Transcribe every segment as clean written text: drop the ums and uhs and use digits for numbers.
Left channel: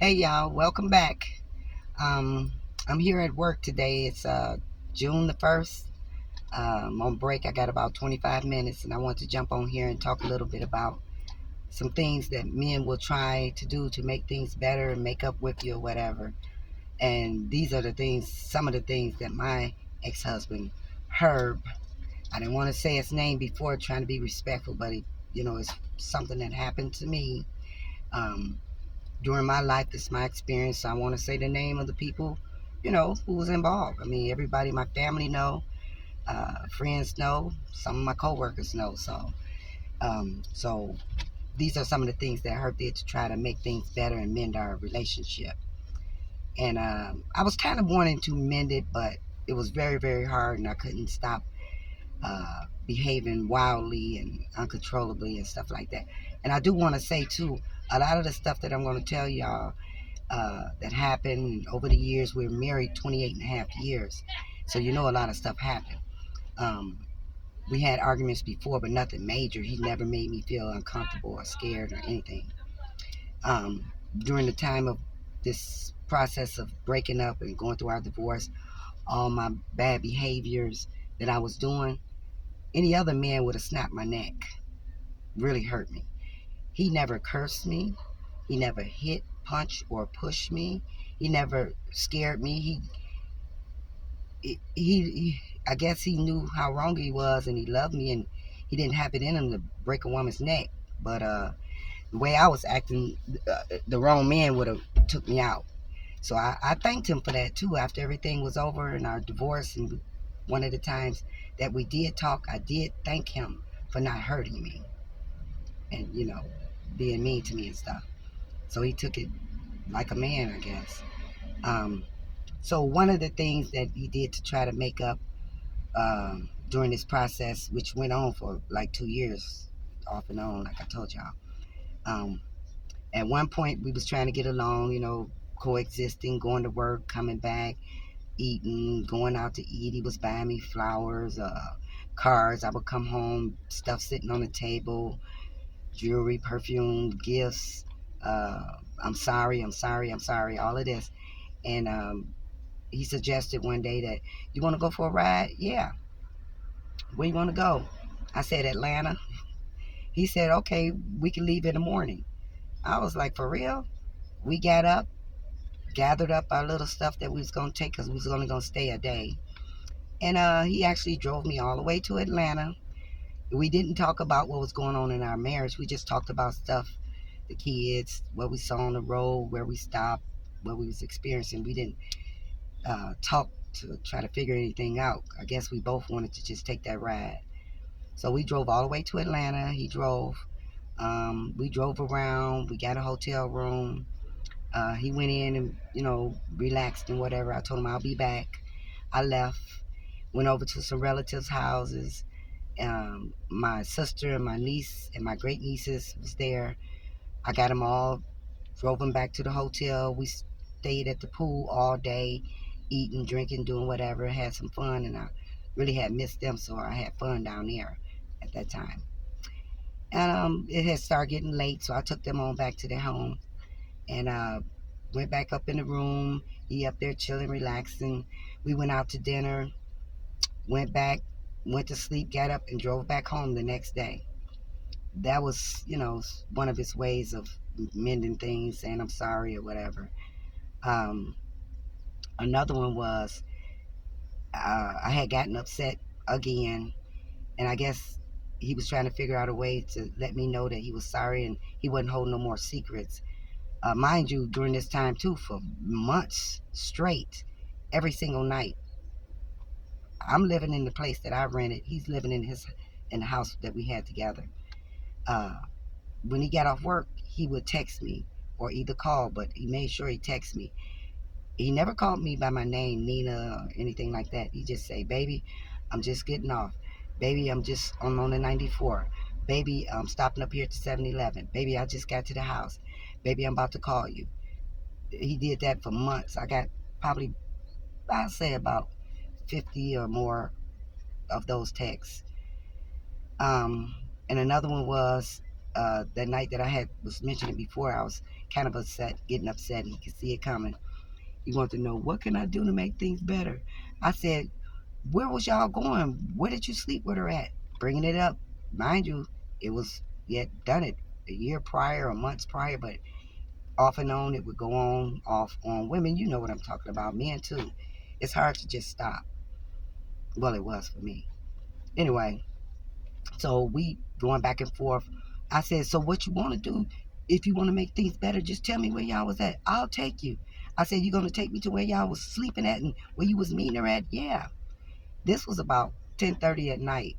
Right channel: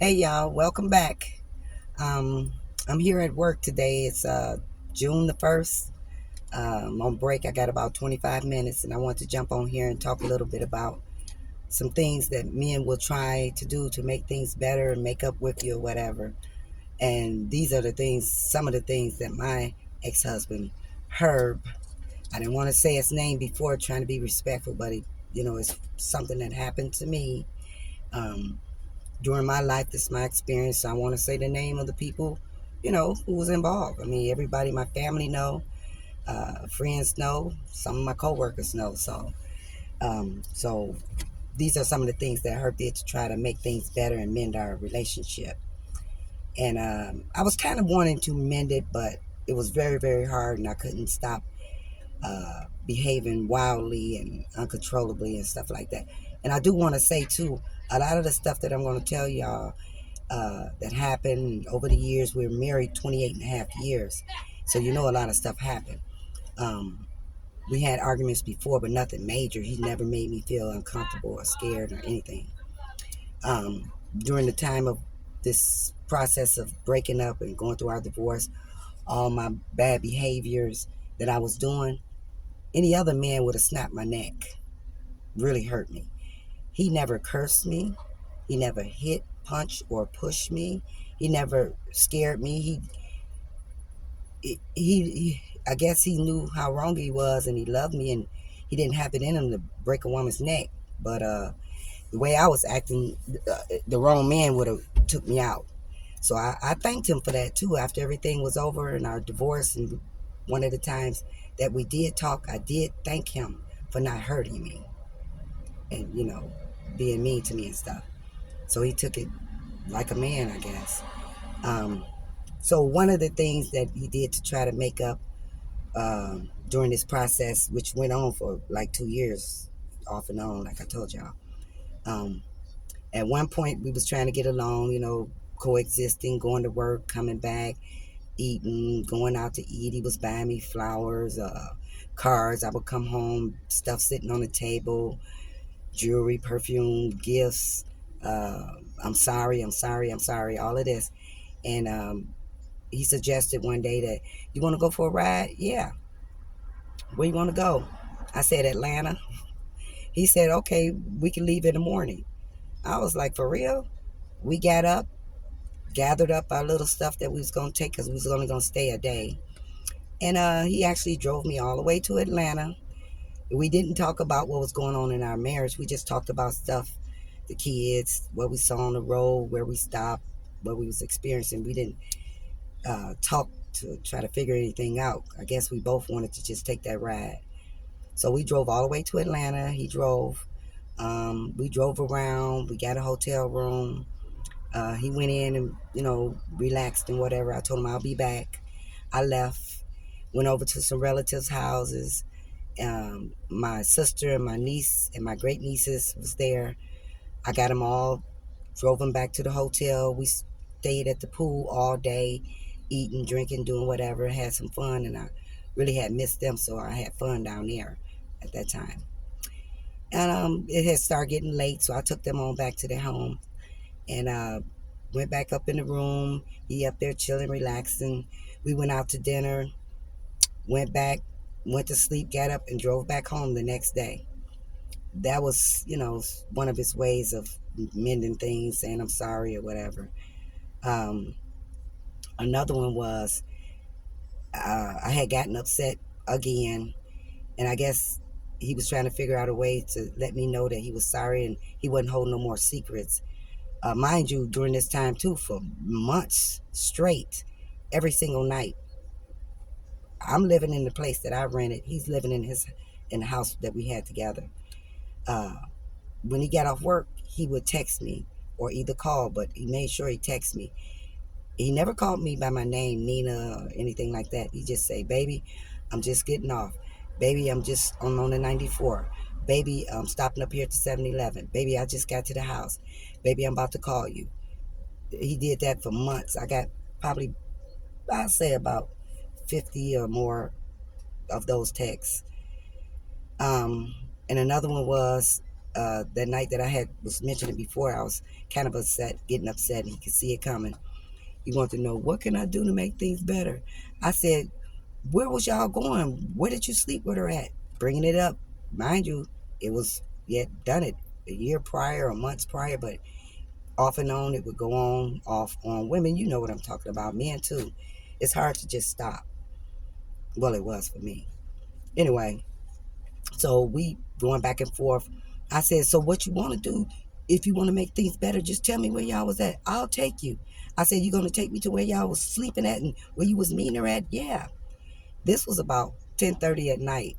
Hey y'all, welcome back. Um, I'm here at work today. It's June the 1st. I'm on break. I got about 25 minutes and I want to jump on here and talk a little bit about some things that men will try to do to make things better and make up with you or whatever. And these are some of the things that my ex-husband, Herb, I didn't want to say his name before trying to be respectful, but it's something that happened to me. Um, During my life, this is my experience. So I want to say the name of the people, who was involved. I mean, everybody, my family know, friends know, some of my coworkers know. So these are some of the things that Herb did to try to make things better and mend our relationship. And I was kind of wanting to mend it, but it was very, very hard, and I couldn't stop behaving wildly and uncontrollably and stuff like that. And I do want to say too, a lot of the stuff that I'm going to tell y'all that happened over the years. We were married 28 and a half years. So, a lot of stuff happened. Um, we had arguments before, but nothing major. He never made me feel uncomfortable or scared or anything. During the time of this process of breaking up and going through our divorce, all my bad behaviors that I was doing, any other man would have snapped my neck, really hurt me. He never cursed me. He never hit, punched, or pushed me. He never scared me. He I guess he knew how wrong he was, and he loved me, and he didn't have it in him to break a woman's neck. But the way I was acting, the wrong man would have took me out. So I thanked him for that too. After everything was over and our divorce, and one of the times that we did talk, I did thank him for not hurting me and being mean to me and stuff. So he took it like a man, I guess. Um, so one of the things that he did to try to make up during this process, which went on for like 2 years, off and on, like I told y'all. Um, at one point, we was trying to get along, coexisting, going to work, coming back, eating, going out to eat. He was buying me flowers, cards. I would come home, stuff sitting on the table, jewelry, perfume, gifts. Uh, I'm sorry, I'm sorry, I'm sorry, all of this. And he suggested one day that, you want to go for a ride? Yeah. Where you want to go? I said, Atlanta. He said, okay, we can leave in the morning. I was like, for real? We got up, gathered up our little stuff that we was going to take because we was only going to stay a day. And he actually drove me all the way to Atlanta. We didn't talk about what was going on in our marriage. We just talked about stuff, the kids, what we saw on the road, where we stopped, what we was experiencing. We didn't talk to try to figure anything out. I guess we both wanted to just take that ride. So we drove all the way to Atlanta. He drove. We drove around. We got a hotel room. He went in and, relaxed and whatever. I told him I'll be back. I left, went over to some relatives' houses. My sister and my niece and my great nieces was there. I got them all, drove them back to the hotel. We stayed at the pool all day, eating, drinking, doing whatever, had some fun, and I really had missed them, so I had fun down there at that time. And it had started getting late, so I took them on back to their home and went back up in the room. He up there chilling, relaxing. We went out to dinner, went back, went to sleep, got up, and drove back home the next day. That was, one of his ways of mending things, saying I'm sorry or whatever. Um, Another one was I had gotten upset again, and I guess he was trying to figure out a way to let me know that he was sorry and he wasn't holding no more secrets. Mind you, during this time too, for months straight, every single night, I'm living in the place that I rented. He's living in the house that we had together. Uh, when he got off work, he would text me or either call, but he made sure he texted me. He never called me by my name, Nina, or anything like that. He just say, baby, I'm just getting off. Baby, I'm on the 94. Baby, I'm stopping up here at the 7-Eleven. Baby, I just got to the house. Baby, I'm about to call you. He did that for months. I got probably, I'd say about 50 or more of those texts. Um, and another one was that night that I had was mentioning before, I was kind of upset, getting upset, and he could see it coming. He wanted to know, what can I do to make things better? I said, where was y'all going? Where did you sleep with her at? Bringing it up. Mind you, it was, he had done it a year prior or months prior, but off and on, it would go on, off on women. You know what I'm talking about. Men too. It's hard to just stop. Well, it was for me. Anyway, so we going back and forth. I said, so what you want to do? If you want to make things better, just tell me where y'all was at. I'll take you. I said, you gonna take me to where y'all was sleeping at and where you was meeting her at? Yeah. This was about 10:30 at night.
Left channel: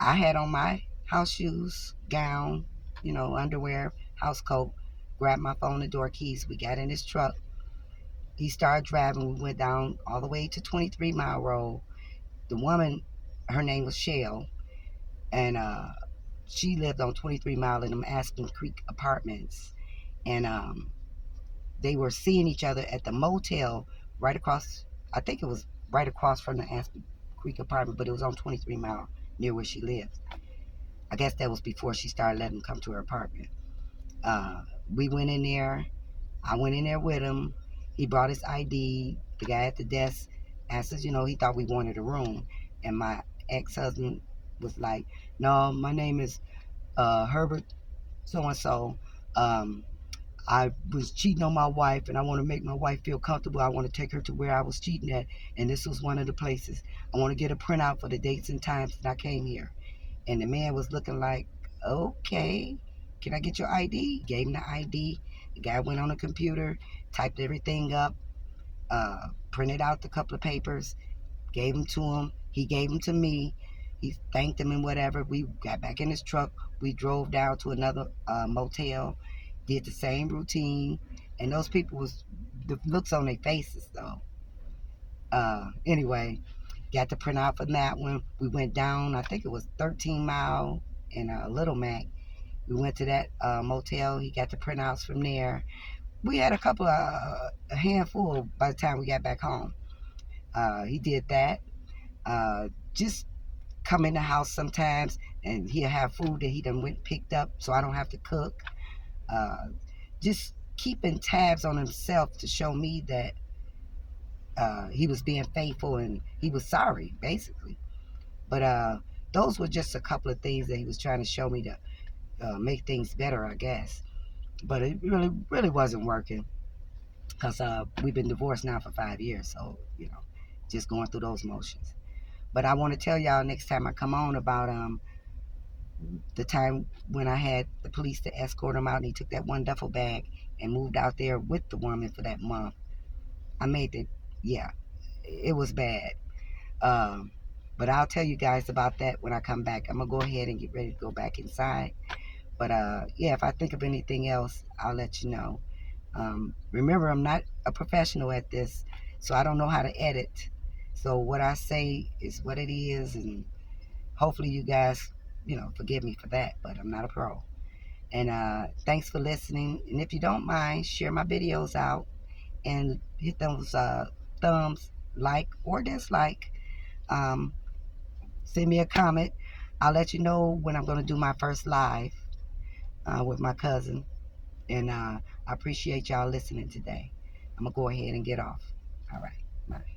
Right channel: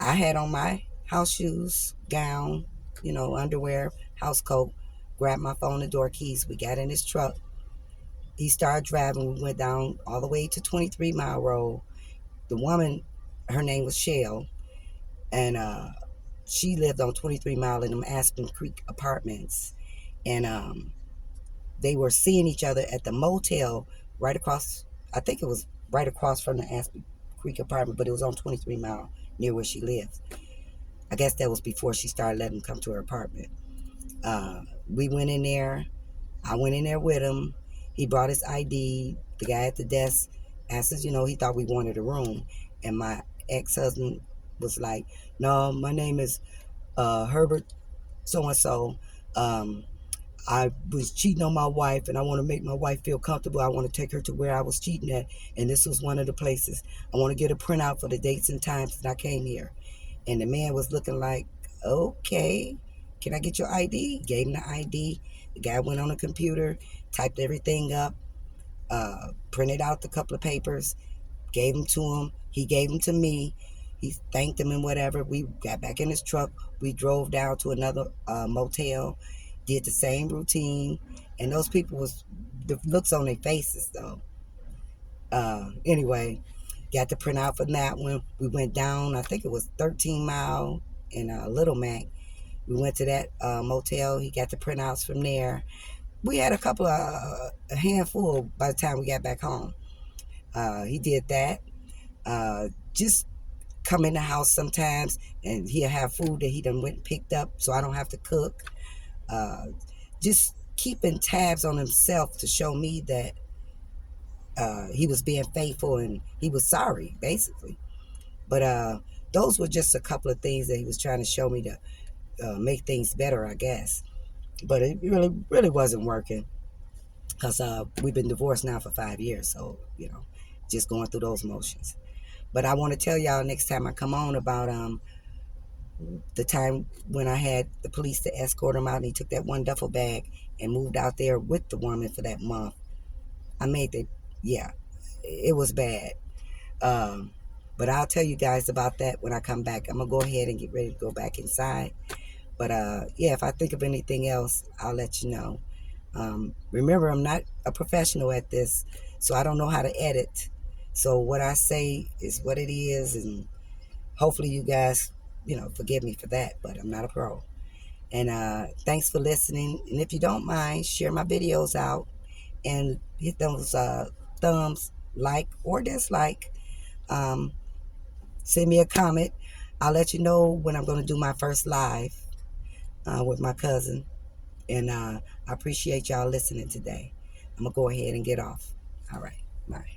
I had on my house shoes, gown, underwear, house coat, grabbed my phone and door keys. We got in his truck. He started driving. We went down all the way to 23 Mile Road. The woman, her name was Shell, and she lived on 23 Mile in them Aspen Creek apartments. And they were seeing each other at the motel right across, I think it was right across from the Aspen Creek apartment, but it was on 23 Mile near where she lived. I guess that was before she started letting him come to her apartment. We went in there. I went in there with him. He brought his ID. The guy at the desk asked us, he thought we wanted a room. And my ex-husband was like, no, my name is Herbert so-and-so. I was cheating on my wife, and I want to make my wife feel comfortable. I want to take her to where I was cheating at, and this was one of the places. I want to get a printout for the dates and times that I came here. And the man was looking like, okay, can I get your ID? Gave him the ID. The guy went on the computer, typed everything up, printed out the couple of papers, gave them to him. He gave them to me. He thanked him and whatever. We got back in his truck. We drove down to another motel, did the same routine. And those people was, the looks on their faces though. Anyway, got the printout for that one. We went down, I think it was 13 Mile in Little Mac. We went to that motel. He got the printouts from there. We had a handful by the time we got back home. He did that. Just come in the house sometimes, and he'll have food that he done went and picked up, so I don't have to cook. Uh, just keeping tabs on himself to show me that he was being faithful and he was sorry, basically. But those were just a couple of things that he was trying to show me to make things better, I guess. But it really, really wasn't working because we've been divorced now for 5 years. So, just going through those motions. But I want to tell y'all next time I come on about the time when I had the police to escort him out, and he took that one duffel bag and moved out there with the woman for that month. I made that, yeah, it was bad. Um, but I'll tell you guys about that when I come back. I'm going to go ahead and get ready to go back inside. But yeah, if I think of anything else, I'll let you know. Remember, I'm not a professional at this, so I don't know how to edit. So what I say is what it is, and hopefully you guys, forgive me for that, but I'm not a pro. And thanks for listening. And if you don't mind, share my videos out and hit those thumbs, like or dislike. Um, Send me a comment. I'll let you know when I'm going to do my first live with my cousin. And I appreciate y'all listening today. I'm going to go ahead and get off. All right. Bye.